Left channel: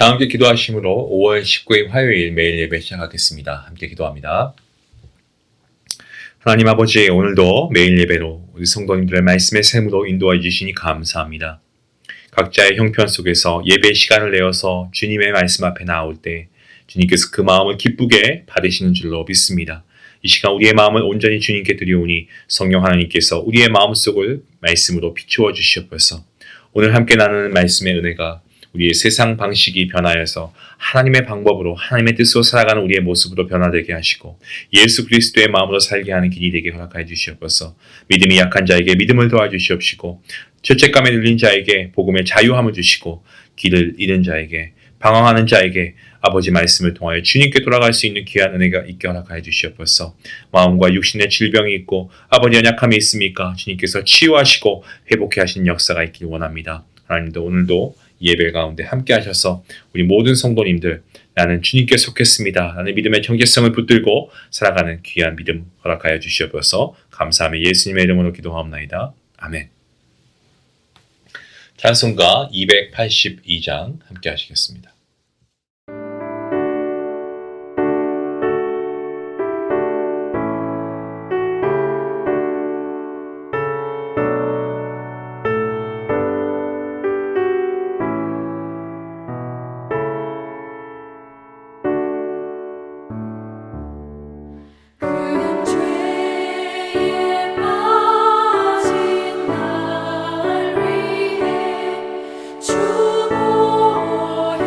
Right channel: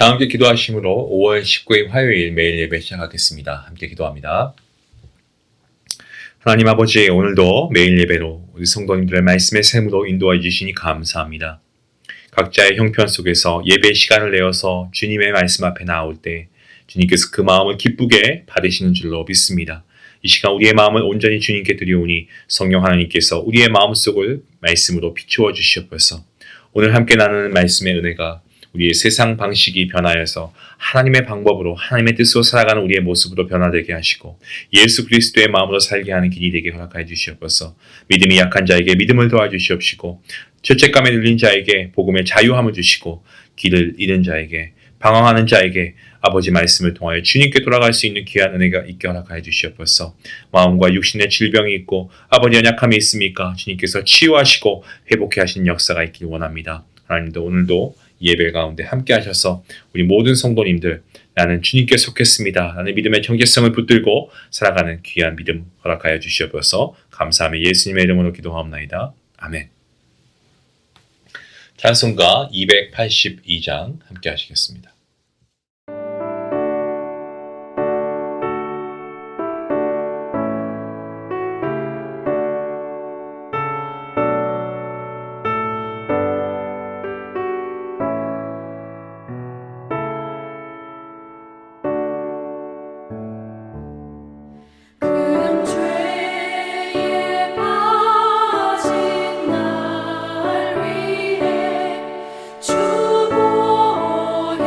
다 함께 기도하심으로 5월 19일 화요일 매일 예배 시작하겠습니다. 함께 기도합니다. 하나님 아버지, 오늘도 매일 예배로 우리 성도님들의 말씀의 샘으로 인도해 주시니 감사합니다. 각자의 형편 속에서 예배 시간을 내어서 주님의 말씀 앞에 나올 때 주님께서 그 마음을 기쁘게 받으시는 줄로 믿습니다. 이 시간 우리의 마음을 온전히 주님께 드리오니 성령 하나님께서 우리의 마음속을 말씀으로 비추어 주시옵소서. 오늘 함께 나누는 말씀의 은혜가 우리의 세상 방식이 변하여서 하나님의 방법으로 하나님의 뜻으로 살아가는 우리의 모습으로 변화되게 하시고 예수 그리스도의 마음으로 살게 하는 길이 되게 허락하여 주시옵소서. 믿음이 약한 자에게 믿음을 도와주시옵시고 죄책감에 눌린 자에게 복음의 자유함을 주시고 길을 잃은 자에게 방황하는 자에게 아버지 말씀을 통하여 주님께 돌아갈 수 있는 귀한 은혜가 있게 허락하여 주시옵소서. 마음과 육신의 질병이 있고 아버지 연약함이 있습니까? 주님께서 치유하시고 회복해 하시는 역사가 있길 원합니다. 하나님도 오늘도 예배 가운데 함께 하셔서 우리 모든 성도님들 나는 주님께 속했습니다. 나는 믿음의 정체성을 붙들고 살아가는 귀한 믿음 허락하여 주시옵소서. 감사하며 예수님의 이름으로 기도하옵나이다. 아멘. 찬송가 282장 함께 하시겠습니다. 주 보혈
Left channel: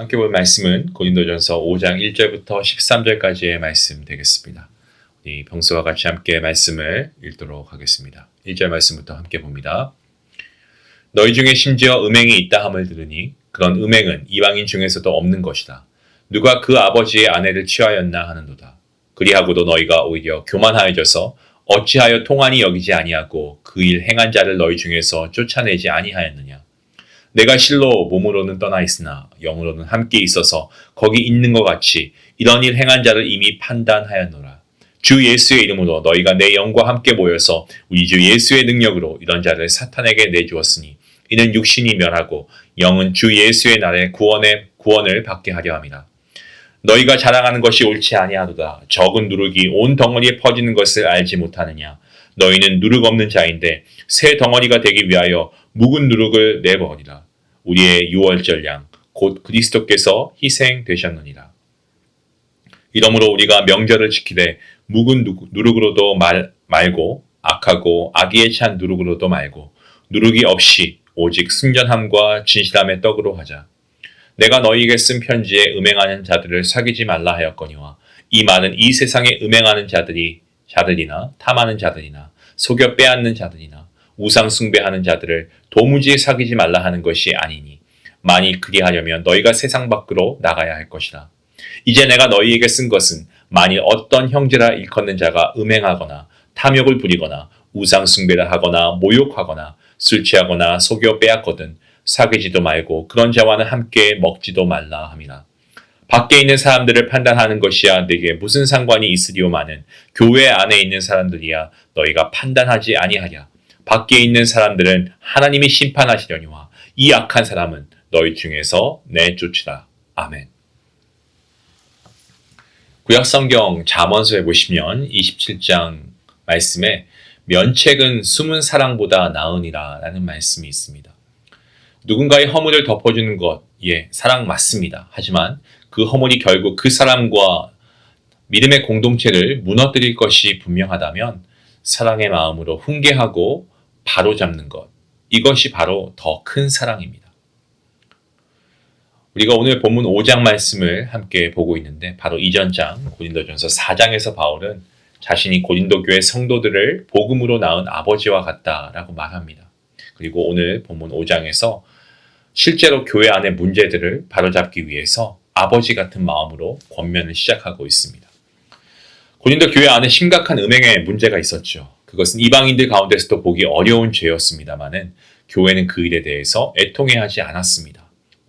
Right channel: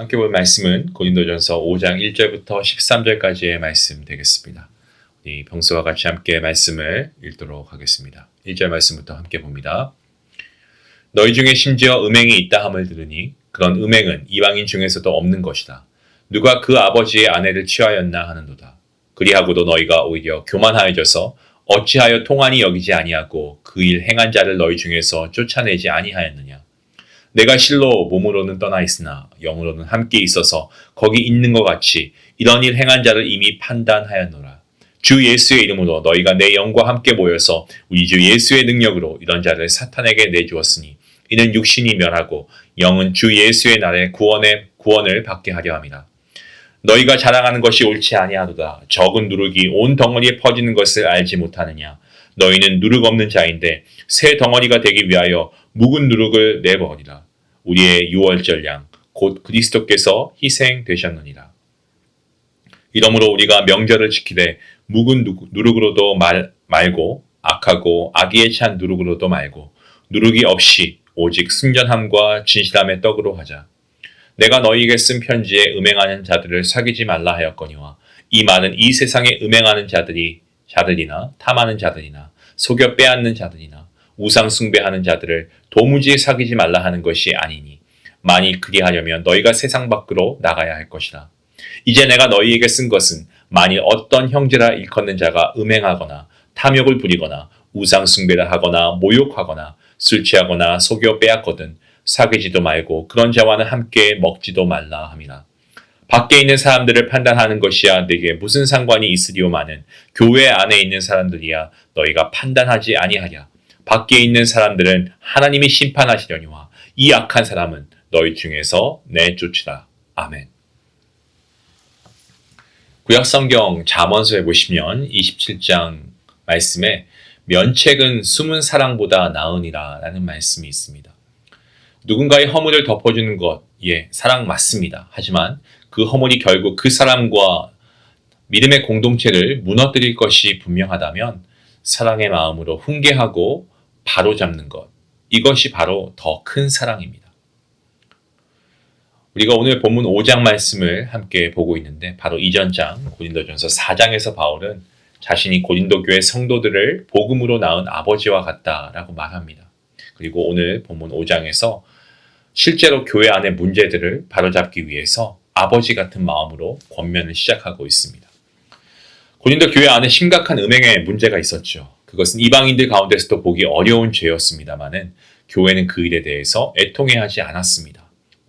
함께 볼 말씀은 고린도전서 5장 1절부터 13절까지의 말씀 되겠습니다. 우리 평소와 같이 함께 말씀을 읽도록 하겠습니다. 1절 말씀부터 함께 봅니다. 너희 중에 심지어 음행이 있다 함을 들으니 그런 음행은 이방인 중에서도 없는 것이다. 누가 그 아버지의 아내를 취하였나 하는도다. 그리하고도 너희가 오히려 교만하여져서 어찌하여 통한이 여기지 아니하고 그 일 행한 자를 너희 중에서 쫓아내지 아니하였느냐. 내가 실로 몸으로는 떠나 있으나 영으로는 함께 있어서 거기 있는 것 같이 이런 일 행한 자를 이미 판단하였노라. 주 예수의 이름으로 너희가 내 영과 함께 모여서 우리 주 예수의 능력으로 이런 자를 사탄에게 내주었으니 이는 육신이 멸하고 영은 주 예수의 날에 구원을 받게 하려 함이라. 너희가 자랑하는 것이 옳지 아니하도다. 적은 누룩이 온 덩어리에 퍼지는 것을 알지 못하느냐. 너희는 누룩 없는 자인데 새 덩어리가 되기 위하여 묵은 누룩을 내버리라. 우리의 유월절 양 곧 그리스도께서 희생되셨느니라. 이러므로 우리가 명절을 지키되 묵은 누룩으로도 말고 악하고 악의에 찬 누룩으로도 말고 누룩이 없이 오직 순전함과 진실함의 떡으로 하자. 내가 너희에게 쓴 편지에 음행하는 자들을 사귀지 말라 하였거니와 이 말은 이 세상에 음행하는 자들이나 탐하는 자들이나 속여 빼앗는 자들이나 우상 숭배하는 자들을 도무지 사귀지 말라 하는 것이 아니니 만일 그리하려면 너희가 세상 밖으로 나가야 할 것이라. 이제 내가 너희에게 쓴 것은 만일 어떤 형제라 일컫는 자가 음행하거나 탐욕을 부리거나 우상 숭배를 하거나 모욕하거나 술 취하거나 속여 빼앗거든 사귀지도 말고 그런 자와는 함께 먹지도 말라 함이라. 밖에 있는 사람들을 판단하는 것이야 내게 무슨 상관이 있으리오마는 교회 안에 있는 사람들이야 너희가 판단하지 아니하랴. 밖에 있는 사람들은 하나님이 심판하시려니와 이 악한 사람은 너희 중에서 내쫓으라. 아멘. 구약성경 잠언서에 보시면 27장 말씀에 면책은 숨은 사랑보다 나으니라 라는 말씀이 있습니다. 누군가의 허물을 덮어주는 것, 사랑 맞습니다. 하지만 그 허물이 결국 그 사람과 믿음의 공동체를 무너뜨릴 것이 분명하다면 사랑의 마음으로 훈계하고 바로잡는 것, 이것이 바로 더 큰 사랑입니다. 우리가 오늘 본문 5장 말씀을 함께 보고 있는데 바로 이전 장 고린도전서 4장에서 바울은 자신이 고린도 교회 성도들을 복음으로 낳은 아버지와 같다라고 말합니다. 그리고 오늘 본문 5장에서 실제로 교회 안의 문제들을 바로잡기 위해서 아버지 같은 마음으로 권면을 시작하고 있습니다. 고린도 교회 안에 심각한 음행의 문제가 있었죠. 그것은 이방인들 가운데서도 보기 어려운 죄였습니다마는 교회는 그 일에 대해서 애통해하지 않았습니다.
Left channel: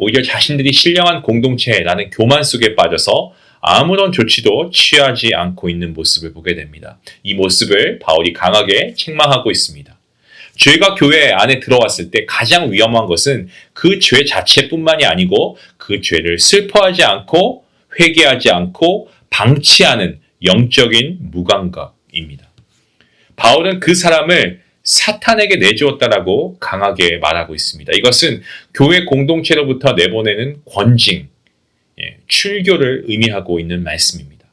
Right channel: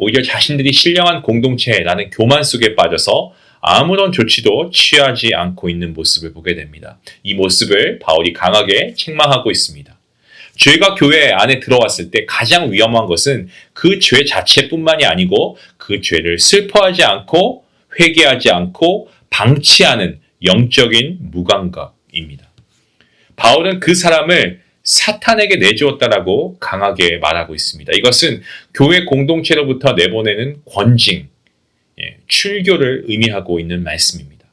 오히려 자신들이 신령한 공동체라는 교만 속에 빠져서 아무런 조치도 취하지 않고 있는 모습을 보게 됩니다. 이 모습을 바울이 강하게 책망하고 있습니다. 죄가 교회 안에 들어왔을 때 가장 위험한 것은 그 죄 자체뿐만이 아니고 그 죄를 슬퍼하지 않고 회개하지 않고 방치하는 영적인 무감각입니다. 바울은 그 사람을 사탄에게 내주었다라고 강하게 말하고 있습니다. 이것은 교회 공동체로부터 내보내는 권징, 출교를 의미하고 있는 말씀입니다.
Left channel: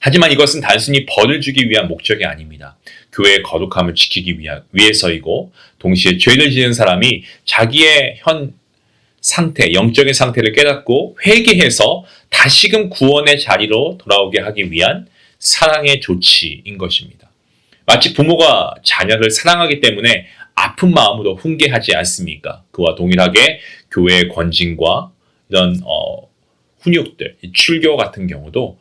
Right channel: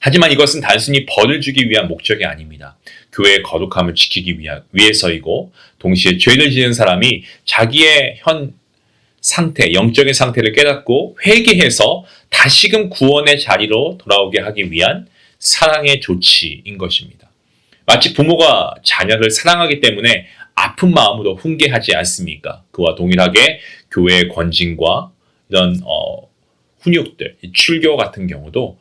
하지만 이것은 단순히 벌을 주기 위한 목적이 아닙니다. 교회의 거룩함을 지키기 위해서이고 동시에 죄를 지은 사람이 자기의 현 상태, 영적인 상태를 깨닫고 회개해서 다시금 구원의 자리로 돌아오게 하기 위한 사랑의 조치인 것입니다. 마치 부모가 자녀를 사랑하기 때문에 아픈 마음으로 훈계하지 않습니까? 그와 동일하게 교회의 권징과 이런 훈육들, 출교 같은 경우도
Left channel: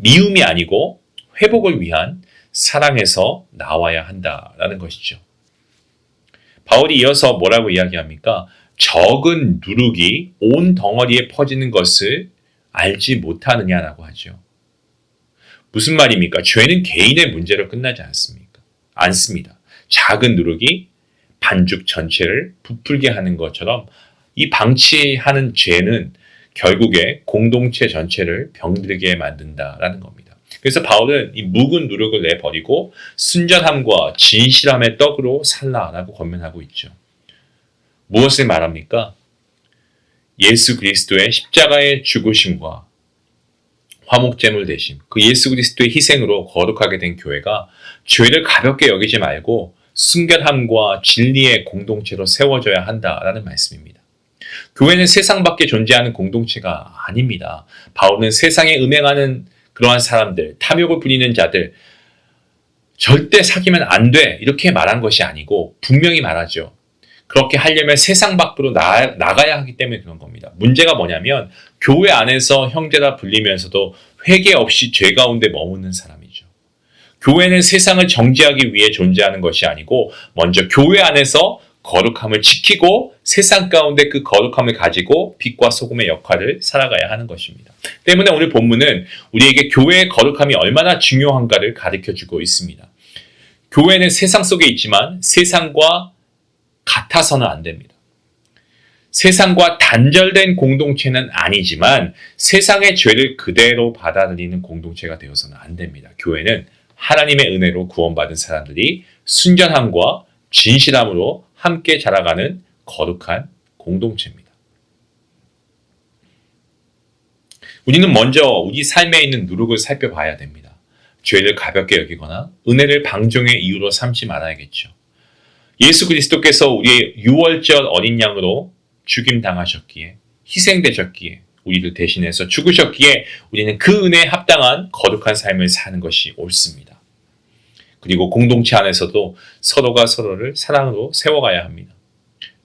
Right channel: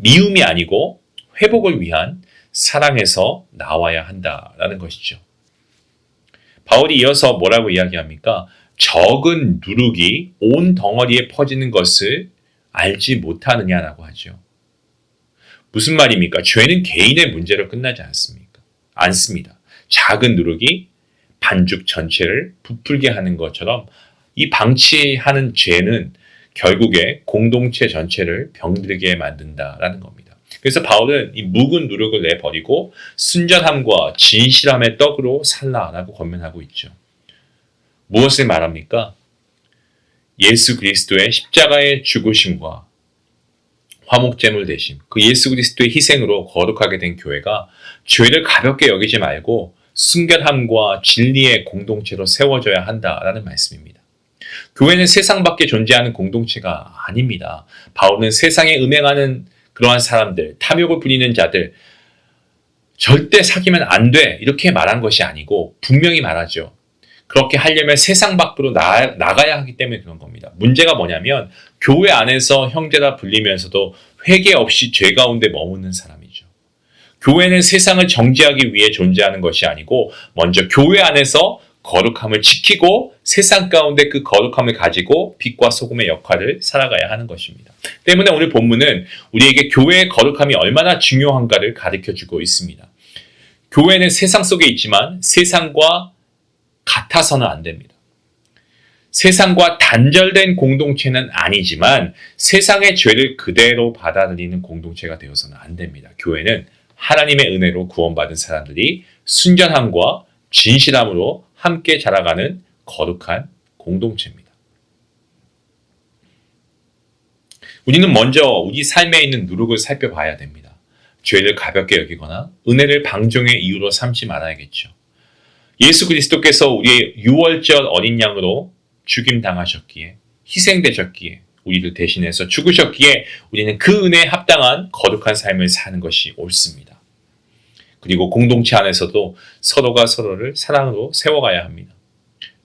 미움이 아니고 회복을 위한 사랑에서 나와야 한다라는 것이죠. 바울이 이어서 뭐라고 이야기합니까? 적은 누룩이 온 덩어리에 퍼지는 것을 알지 못하느냐라고 하죠. 무슨 말입니까? 죄는 개인의 문제로 끝나지 않습니다. 작은 누룩이 반죽 전체를 부풀게 하는 것처럼 이 방치하는 죄는 결국에 공동체 전체를 병들게 만든다라는 겁니다. 그래서 바울은 이 묵은 누룩을 내버리고 순전함과 진실함의 떡으로 살라라고 권면하고 있죠. 무엇을 말합니까? 예수 그리스도의 십자가의 죽으심과 화목제물 대신 그 예수 그리스도의 희생으로 거룩하게 된 교회가 죄를 가볍게 여기지 말고 순결함과 진리의 공동체로 세워져야 한다라는 말씀입니다. 교회는 세상 밖에 존재하는 공동체가 아닙니다. 바울은 세상에 음행하는 그러한 사람들, 탐욕을 부리는 자들, 절대 사귀면 안 돼. 이렇게 말한 것이 아니고 분명히 말하죠. 그렇게 하려면 세상 밖으로 나가야 하기 때문에 그런 겁니다. 문제가 뭐냐면 교회 안에서 형제라 불리면서도 회개 없이 죄 가운데 머무는 사람이죠. 교회는 세상을 정죄하기 위해 존재하는 것이 아니고 먼저 교회 안에서 거룩함을 지키고 세상 가운데 그 거룩함을 가지고 빛과 소금의 역할을 살아가야 하는 것입니다. 때문에 오늘 본문은 우리에게 교회의 거룩함이 얼마나 중요한가를 가르쳐주고 있습니다. 교회는 세상 속에 있지만 세상과 같아서는 안 됩니다. 세상과 단절된 공동체는 아니지만 세상의 죄를 그대로 받아들이는 공동체가 되어서는 안 됩니다. 교회는 하나님의 은혜로 구원받은 사람들이 순전함과 진실함으로 함께 자라가는 거룩한 공동체입니다. 우리는 먼저 우리 삶에 있는 누룩을 살펴봐야 됩니다. 죄를 가볍게 여기거나 은혜를 방종의 이유로 삼지 말아야겠죠. 예수 그리스도께서 우리의 유월절 어린 양으로 죽임당하셨기에, 희생되셨기에, 우리를 대신해서 죽으셨기에 우리는 그 은혜에 합당한 거룩한 삶을 사는 것이 옳습니다. 그리고 공동체 안에서도 서로가 서로를 사랑으로 세워가야 합니다.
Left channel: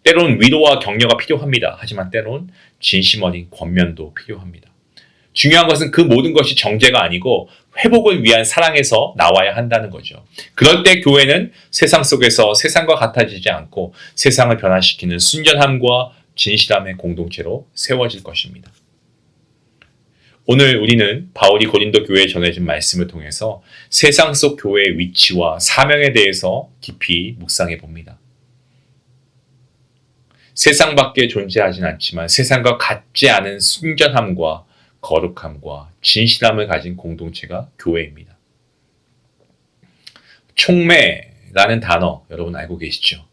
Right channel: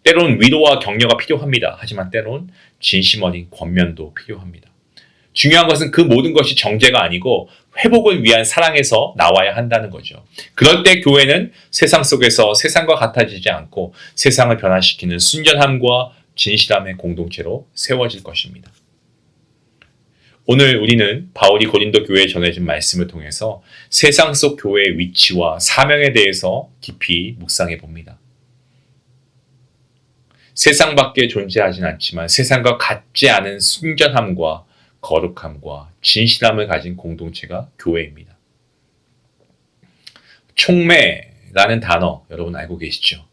때론 위로와 격려가 필요합니다. 하지만 때론 진심 어린 권면도 필요합니다. 중요한 것은 그 모든 것이 정죄가 아니고 회복을 위한 사랑에서 나와야 한다는 거죠. 그럴 때 교회는 세상 속에서 세상과 같아지지 않고 세상을 변화시키는 순전함과 진실함의 공동체로 세워질 것입니다. 오늘 우리는 바울이 고린도 교회에 전해진 말씀을 통해서 세상 속 교회의 위치와 사명에 대해서 깊이 묵상해 봅니다. 세상 밖에 존재하진 않지만 세상과 같지 않은 순전함과 거룩함과 진실함을 가진 공동체가 교회입니다. 촉매라는 단어 여러분 알고 계시죠?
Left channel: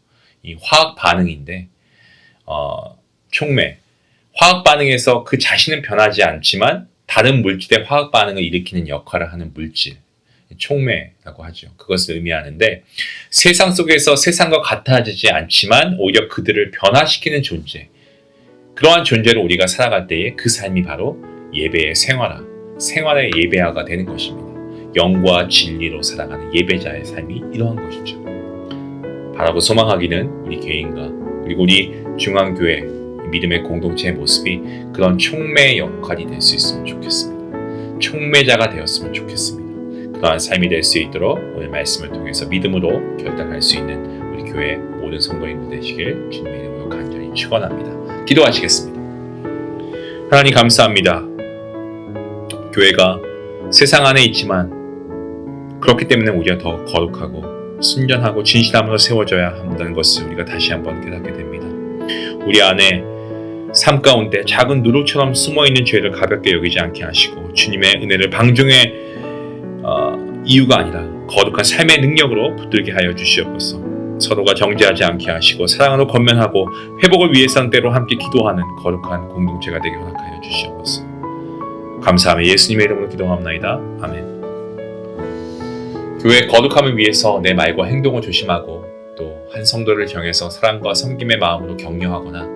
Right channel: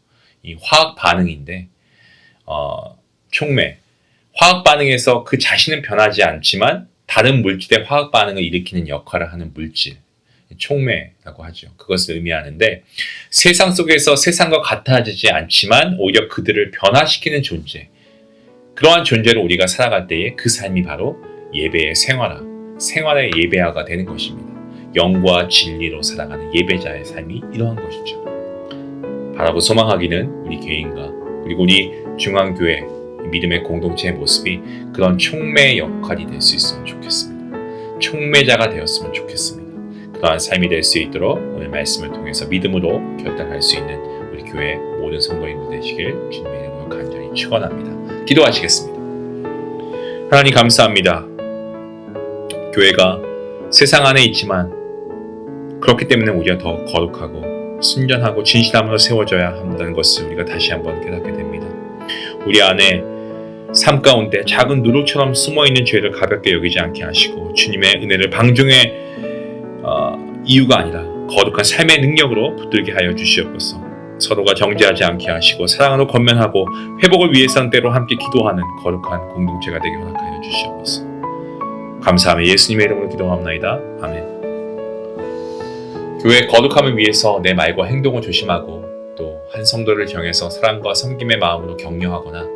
이 화학 반응인데 촉매, 화학 반응에서 그 자신은 변하지 않지만 다른 물질의 화학 반응을 일으키는 역할을 하는 물질, 촉매라고 하죠. 그것을 의미하는데 세상 속에서 세상과 같아지지 않지만 오히려 그들을 변화시키는 존재, 그러한 존재로 우리가 살아갈 때에 그 삶이 바로 예배의 생활의 예배화가 되는 것입니다. 영과 진리로 살아가는 예배자의 삶이 이러한 것이죠. 바라고 소망하기는 우리 개인과 그리고 우리 중앙교회 믿음의 공동체의 모습이 그런 촉매의 역할이 될 수 있으면 좋겠습니다. 촉매자가 되었으면 좋겠습니다. 그러한 삶이 될 수 있도록 오늘 말씀을 통해서 믿음으로 결단할 수 있는 우리 교회 모든 성도인들 되시길 주님의 이름으로 간절히 축원합니다. 기도하시겠습니다. 하나님 감사합니다. 교회가 세상 안에 있지만 그렇기 때문에 우리가 더 거룩하고 순전하고 진실함으로 세워져야 한다는 것을 우리가 다시 한번 깨닫게 됩니다. 우리 안에 삶 가운데 작은 누룩처럼 숨어있는 죄를 가볍게 여기지 않게 하시고 주님의 은혜를 방종의 이유가 아니라 거룩한 삶의 능력으로 붙들게 하여 주시옵소서. 서로가 정죄하지 않게 하시고 사랑으로 권면하고 회복을 위해서는 때로 함께 기도하는 거룩한 공동체가 되게 허락하여 주시옵소서. 감사하며 예수님의 이름으로 기도합나이다. 아멘. 교회의 거룩함을 위해서 내 말과 행동을 조심하고 또 한 성도를 정해서 사랑과 섬김의 마음으로 격려하거나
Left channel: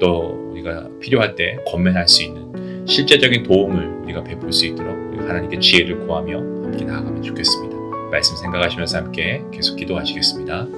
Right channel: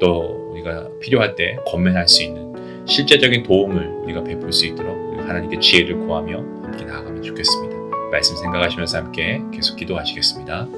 또 우리가 필요할 때 권면할 수 있는 실제적인 도움을 우리가 베풀 수 있도록 우리가 하나님께 지혜를 구하며 함께 나아가면 좋겠습니다. 말씀 생각하시면서 함께 계속 기도하시겠습니다.